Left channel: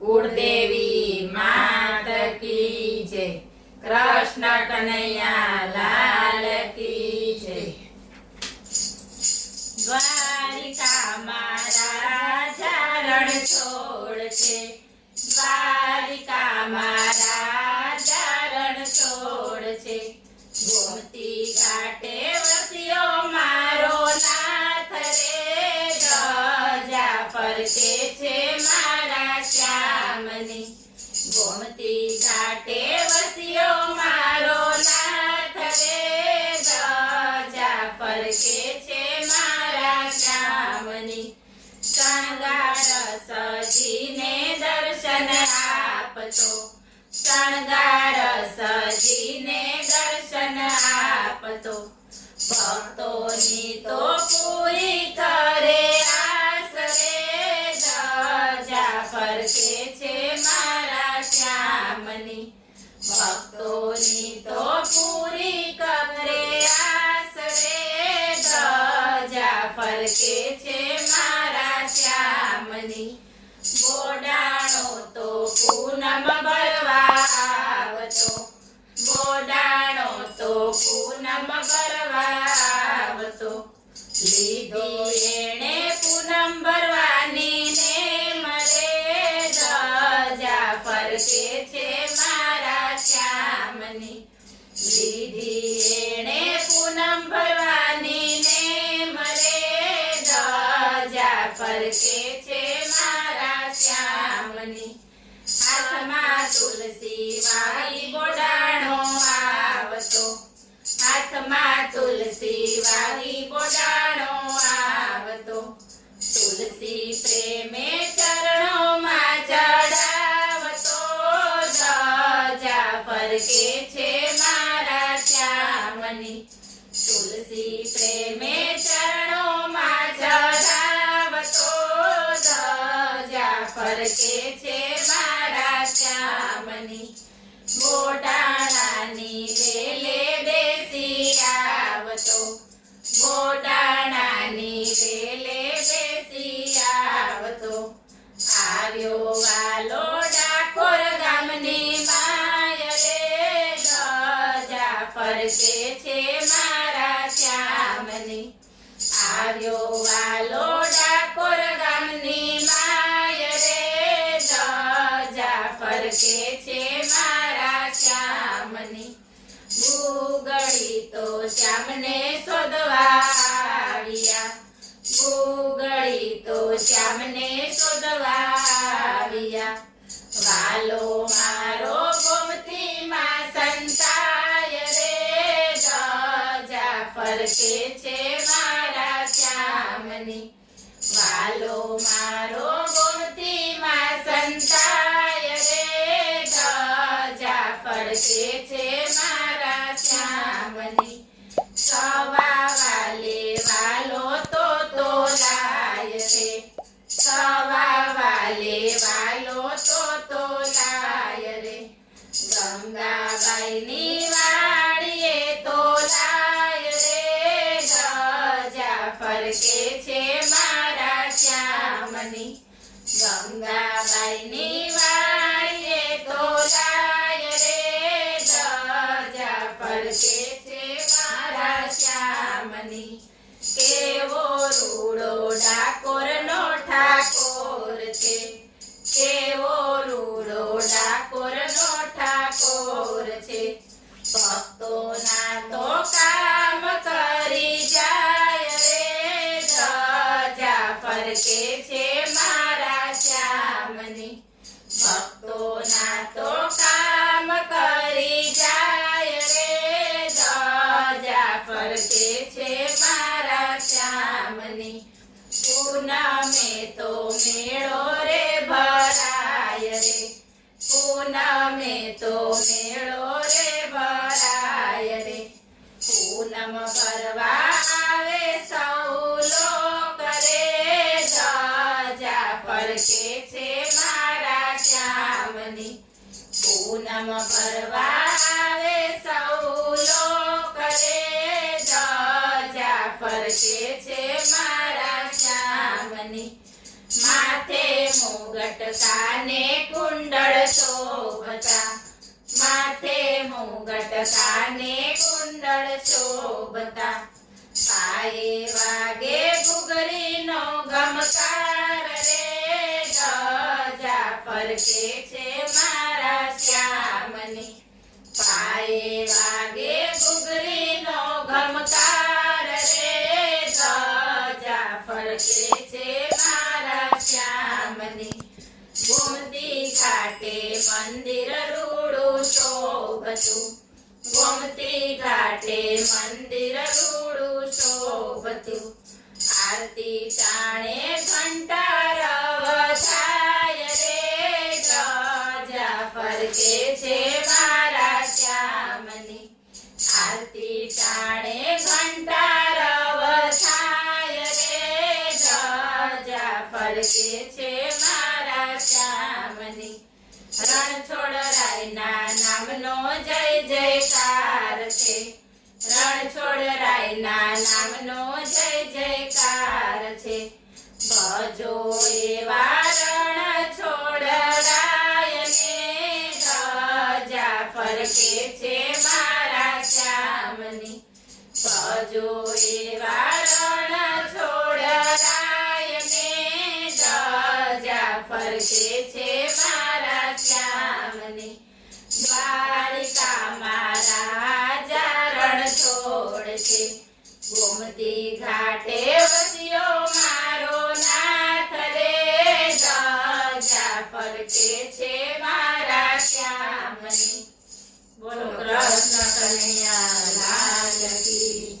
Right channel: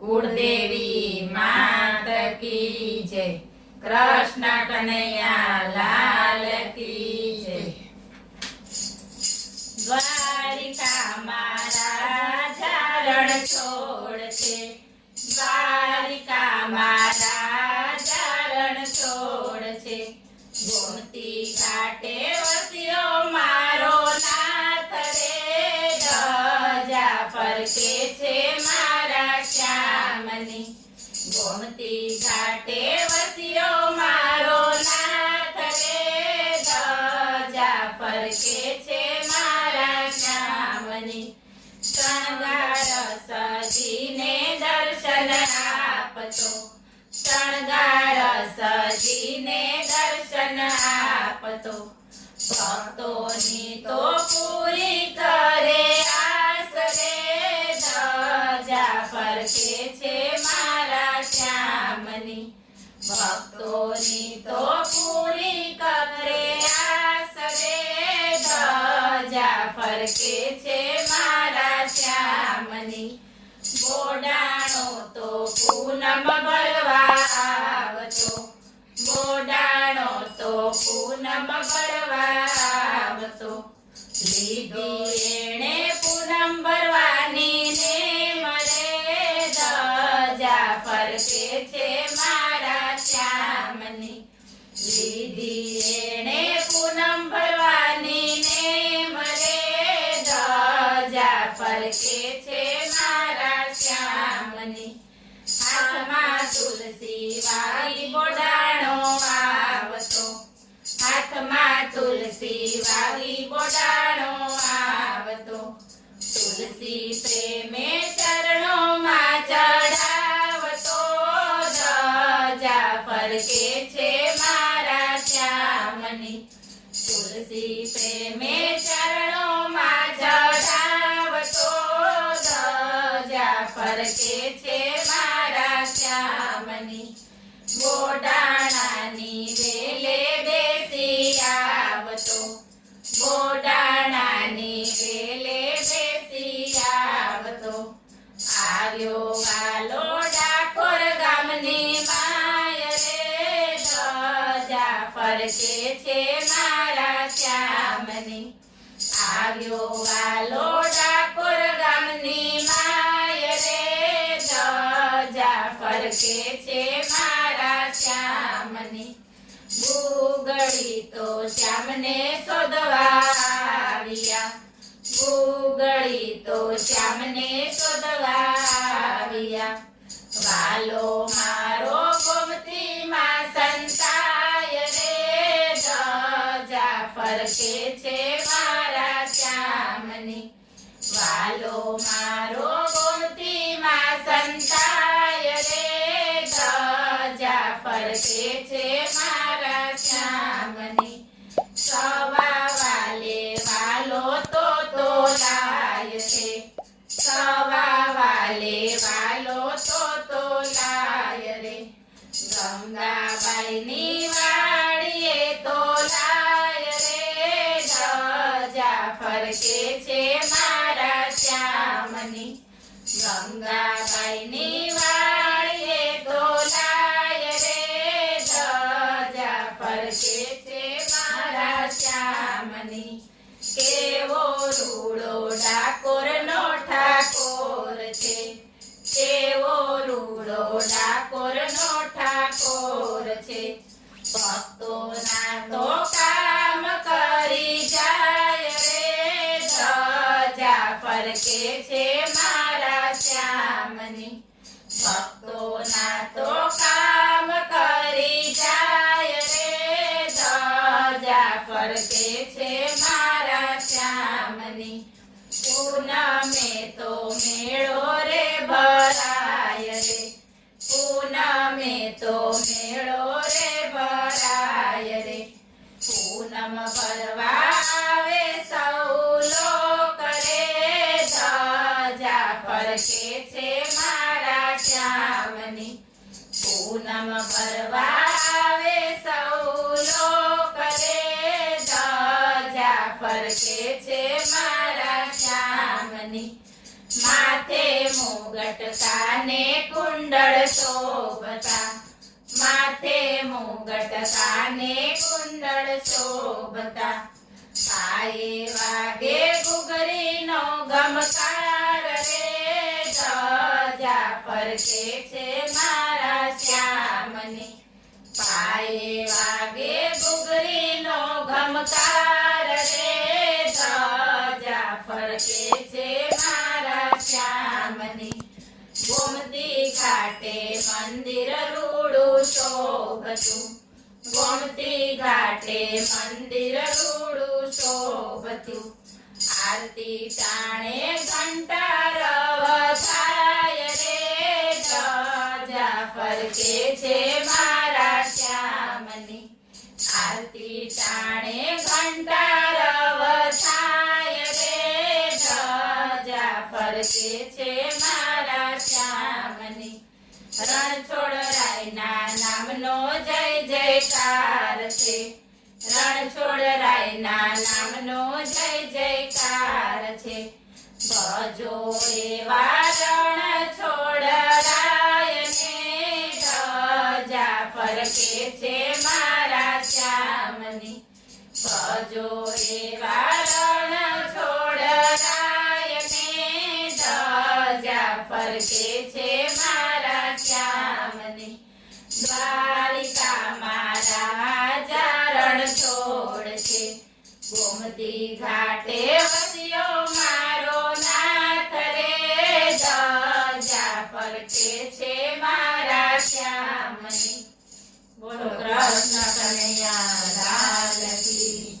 कुलदेवी मात की जय। कृष्ण कन्हैया लाल की जय। द्वारिका मारा चरण छोड़ छे, द्वारिका मारा चरण छोड़ छे। गोमती घाटे वस्यो मारो नाथ रे, ध्वजा फरके छे मारा श्यामनी। गोमती घाटे वस्यो मारो नाथ रे, ध्वजा फरके छे मारा श्यामनी। शृंगार सजीने दर्शन आपतो, शृंगार सजीने दर्शन आपतो। भक्तोनी तो पूरी करे आस रे, ध्वजा फरके छे मारा श्यामनी। भक्तोनी तो पूरी करे आस रे, ध्वजा फरके छे मारा श्यामनी। बोडाणो तो पूनम भरवा आवतो, बोडाणो तो पूनम भरवा आवतो। લીધી એણે પૂનમ ભરવાની નેમ રે, ધજા ફરકે છે મારા શ્યામની। લીધી એણે પૂનમ ભરવાની નેમ રે, ધજા ફરકે છે મારા શ્યામની। હાથમાં તુલસી વાઈ બોડાણો આવતો, હાથમાં તુલસી વાવી બોડાણો આવતો। તુલસી પ્રેમે ચરણોમાં ચડાવતો, ધજા ફરકે છે મારા શ્યામની। તુલસી પ્રેમે ચરણોમાં ચડાવતો, ધજા ફરકે છે મારા શ્યામની। બોડાણાની વેલે બેસી આવતો, બોડાણાની વેલે બેસી આવતો। આવ્યો વાલો ડાકોર ગામની માય રે, ધજા ફરકે છે મારા શ્યામની। આવ્યો વાલો ડાકોર ગામની માય રે, ધજા ફરકે છે મારા શ્યામની। ગુગળી તો શ્યામને શોધવા આવ્યા, ગુગળી તો શ્યામને શોધવા આવ્યા। વાલો મારો ગોમતીમાં સંતાય રે, ધજા ફરકે છે મારા શ્યામની। વાલો મારો ગોમતીમાં સંતાય રે, ધજા ફરકે છે મારા શ્યામની। સવા વાલે વાલો તો તોલાય રે, સવા વાલે વાલો તો લાય રે। ગંગાબાઈની વાડીએ તોલાય રે, ધજા ફરકે છે મારા શ્યામની। ગંગાબાઈની વાડીએ તોલાય રે, ધજા ફરકે છે મારા શ્યામની। કેવો રૂડો ડાકોરનો ઠાકોર છે, કેવો રૂડો ડાકોરનો ઠાકોર છે। ભક્તોના તો કામ કરી જાય રે, ધજા ફરકે છે મારા શ્યામની। ભક્તોના તો કામ કરી જાય રે, ધજા ફરકે છે મારા શ્યામની। પૂનમે તો મેળો રે ભરાય રે, પૂનમે તો મેળો રે ભરાય રે। પૂનમ ભરવા આવે સૌ લોક રે, ધજા ફરકે છે મારા શ્યામની। પૂનમ ભરવા આવે સૌ લોક રે, ધજા ફરકે છે મારા શ્યામની। માથે મોગરા મુગટ કાને કુંડળ શોભતા માથે મુગટ કાને કુંડળ શોભતા પાયે વાગે ઘૂઘરીનો ગમકાર રે ધજા ફરકે છે મારા શ્યામની પાયે વાગે ઘૂઘરીનો ગમકાર રે ધજા ફરકે છે મારા શ્યામની ગોમતી ઘાટે મંદિર રૂડું શોભતું ગોમતી ઘાટે મંદિર રૂડું શોભતું આરતી ટાણે ઘંટારવ થાય રે ધજા ફરકે છે મારા શ્યામની આરતી ટાણે ઘંટારવ થાય રે ધજા ફરકે છે મારા શ્યામની રણછોડરાયના નામનો જય જયકાર છે રણછોડરાયના નામનો જય જયકાર છે ભજો એવા રણછોડરાયને ધજા ફરકે છે મારા શ્યામની ભજો એવા રણછોડરાયને ધજા ફરકે છે મારા શ્યામની દ્વારિકામાં રાજા રણછોડ છે ગોમતી ઘાટે વસ્યો મારો નાથ રે ધજા ફરકે છે મારા શ્યામની બોલો કૃષ્ણ કનૈયા લાલ કી